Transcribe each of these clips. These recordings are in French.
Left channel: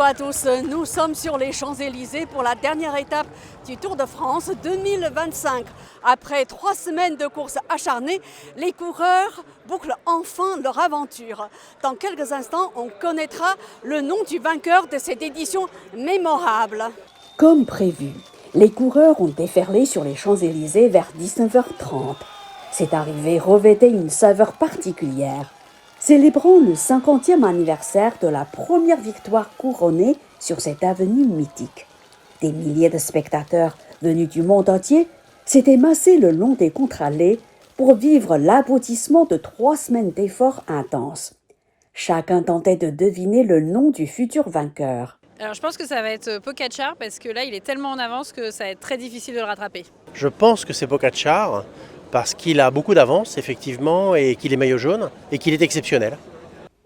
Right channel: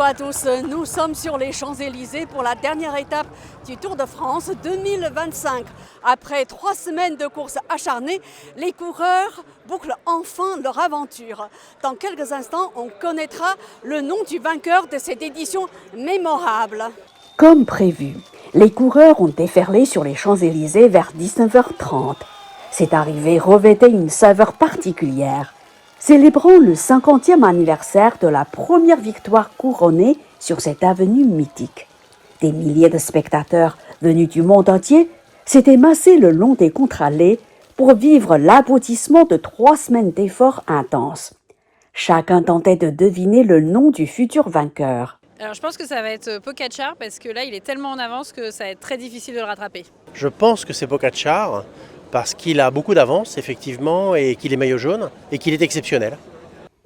Bonjour à tous, nous sommes sur les Champs-Élysées pour la dernière étape du Tour de France 2025. Après 3 semaines de course acharnée, les coureurs bouclent enfin leur aventure. Dans quelques instants, on connaîtra le nom du vainqueur de cette édition mémorable. Comme prévu, les coureurs ont déferlé sur les Champs-Élysées vers 19h30. Cette arrivée revêtait une saveur particulière, célébrant le 50e anniversaire de la première victoire couronnée sur cette avenue mythique. Des milliers de spectateurs venus du monde entier s'étaient massés le long des contre-allées pour vivre l'aboutissement de 3 semaines d'efforts intenses. Chacun tentait de deviner le nom du futur vainqueur. Alors je pense que ça va être Pogačar parce que là il est tellement en avance que ça va être très difficile de le rattraper. Je pense que c'est Pogačar parce qu'il a beaucoup d'avance effectivement et qu'il est maillot jaune et qu'il est exceptionnel.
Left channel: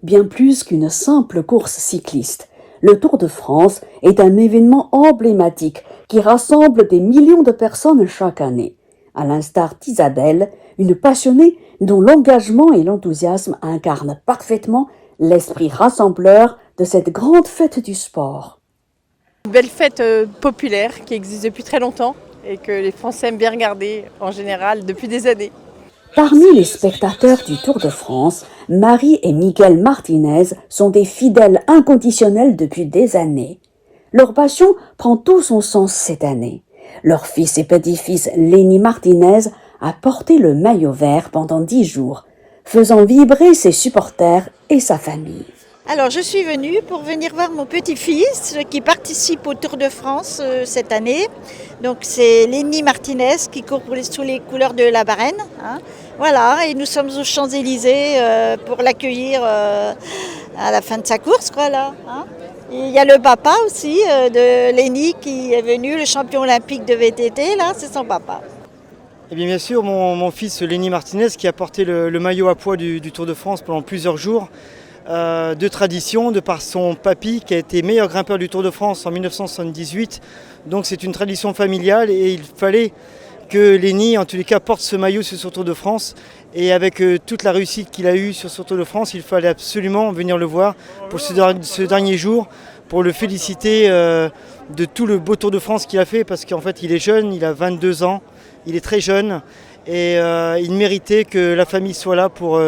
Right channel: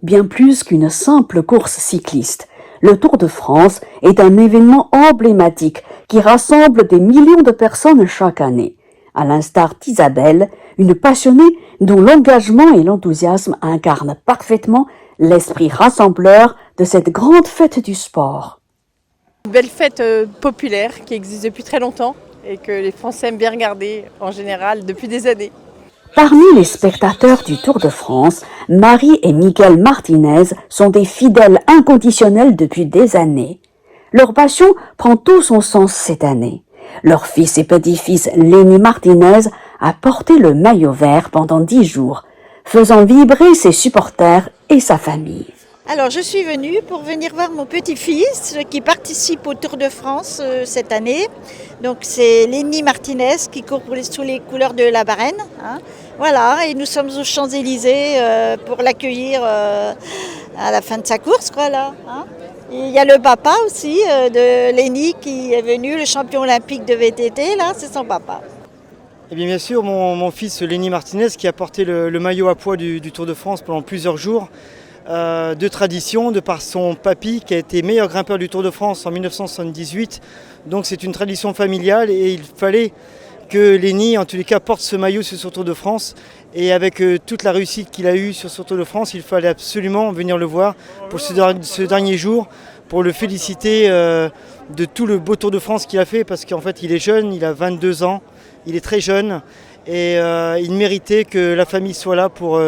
Bien plus qu'une simple course cycliste, le Tour de France est un événement emblématique qui rassemble des millions de personnes chaque année. À l'instar d'Isabelle, une passionnée dont l'engagement et l'enthousiasme incarnent parfaitement l'esprit rassembleur de cette grande fête du sport. Une belle fête populaire qui existe depuis très longtemps et que les Français aiment bien regarder en général depuis des années. Parmi les spectateurs du Tour de France, Marie et Miguel Martinez sont des fidèles inconditionnels depuis des années. Leur passion prend tout son sens cette année. Leur fils et petit-fils Lenny Martinez a porté le maillot vert pendant 10 jours, faisant vibrer ses supporters et sa famille. Alors je suis venue pour venir voir mon petit-fils qui participe au Tour de France cette année. Donc c'est Lenny Martinez qui court sous les couleurs de la Varenne. Voilà, et nous sommes aux Champs-Élysées pour l'accueillir à la fin de sa course. Voilà, Et il y a le papa aussi de Lenny qui est venu, le champion olympique de VTT, là c'est son papa. Et bien sûr mon fils Lenny Martinez qui a porté le maillot à pois du Tour de France pendant plusieurs jours. De tradition, de par son papy qui a été meilleur grimpeur du Tour de France en 1978. Donc c'est une tradition familiale et il fallait que Lenny, en tous les cas, porte ce maillot sur ce Tour de France. Et avec toute la réussite qu'il a eue sur ce Tour de France, il fallait absolument venir le voir pour ce dernier jour, pour le féliciter de tout le beau Tour de France qu'il a fait, parce qu'en fait il est jeune, il a 22 ans, il est très jeune. Et il méritait que la famille soit là pour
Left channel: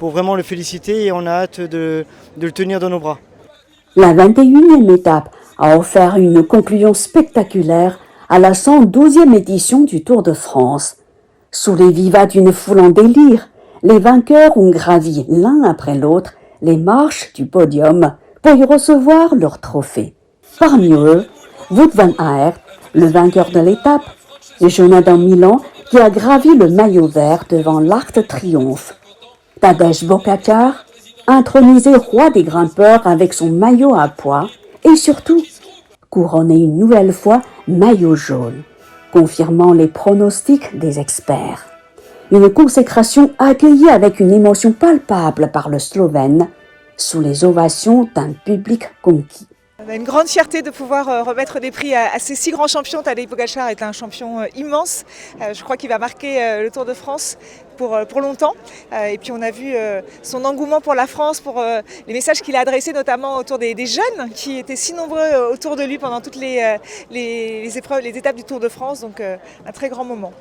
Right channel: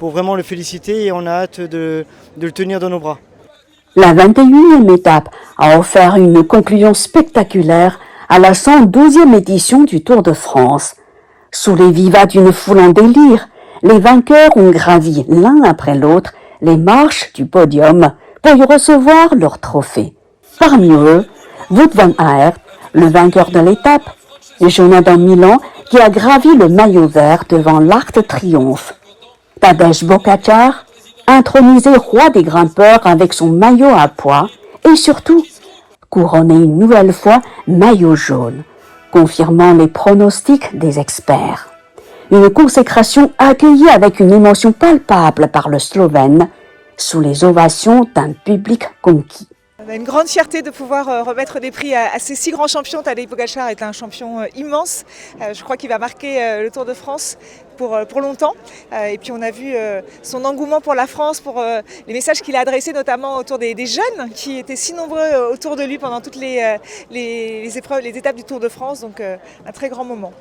vraiment le féliciter et on a hâte de le tenir dans nos bras. La 21e étape a offert une conclusion spectaculaire à la 112e édition du Tour de France. Sous les vivas d'une foule en délire, les vainqueurs ont gravi l'un après l'autre les marches du podium pour y recevoir leur trophée. Parmi eux, Wout van Aert, le vainqueur de l'étape, et Jonathan Milan, qui a gravi le maillot vert devant l'Arc de Triomphe. Tadej Pogačar, intronisé roi des grimpeurs avec son maillot à pois, et surtout, couronné une nouvelle fois maillot jaune, confirmant les pronostics des experts. Une consécration accueillie avec une émotion palpable par le Slovène, sous les ovations d'un public conquis. On a une grande fierté de pouvoir remettre des prix à ces 6 grands champions. Tadej Pogačar est un champion immense. Je crois qu'il va marquer le Tour de France pour longtemps. Et puis on a vu son engouement pour la France, pour les messages qu'il a adressés notamment autour des jeunes qui étaient si nombreux autour de lui pendant toutes les épreuves, les étapes du Tour de France. Donc un très grand moment.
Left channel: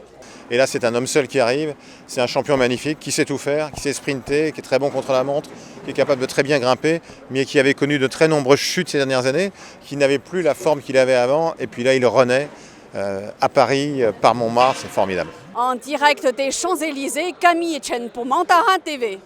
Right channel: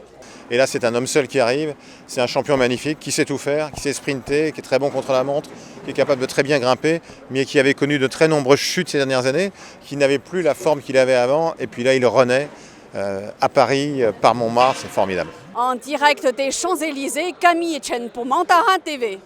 Et là, c'est un homme seul qui arrive. C'est un champion magnifique qui sait tout faire, qui sait sprinter, qui est très bon contre la montre, qui est capable de très bien grimper, mais qui avait connu de très nombreuses chutes ces dernières années, qui n'avait plus la forme qu'il avait avant. Et puis là, il renaît à Paris, par Montmartre. C'est formidable. En direct des Champs-Élysées, Camille Chen pour Mantarin TV.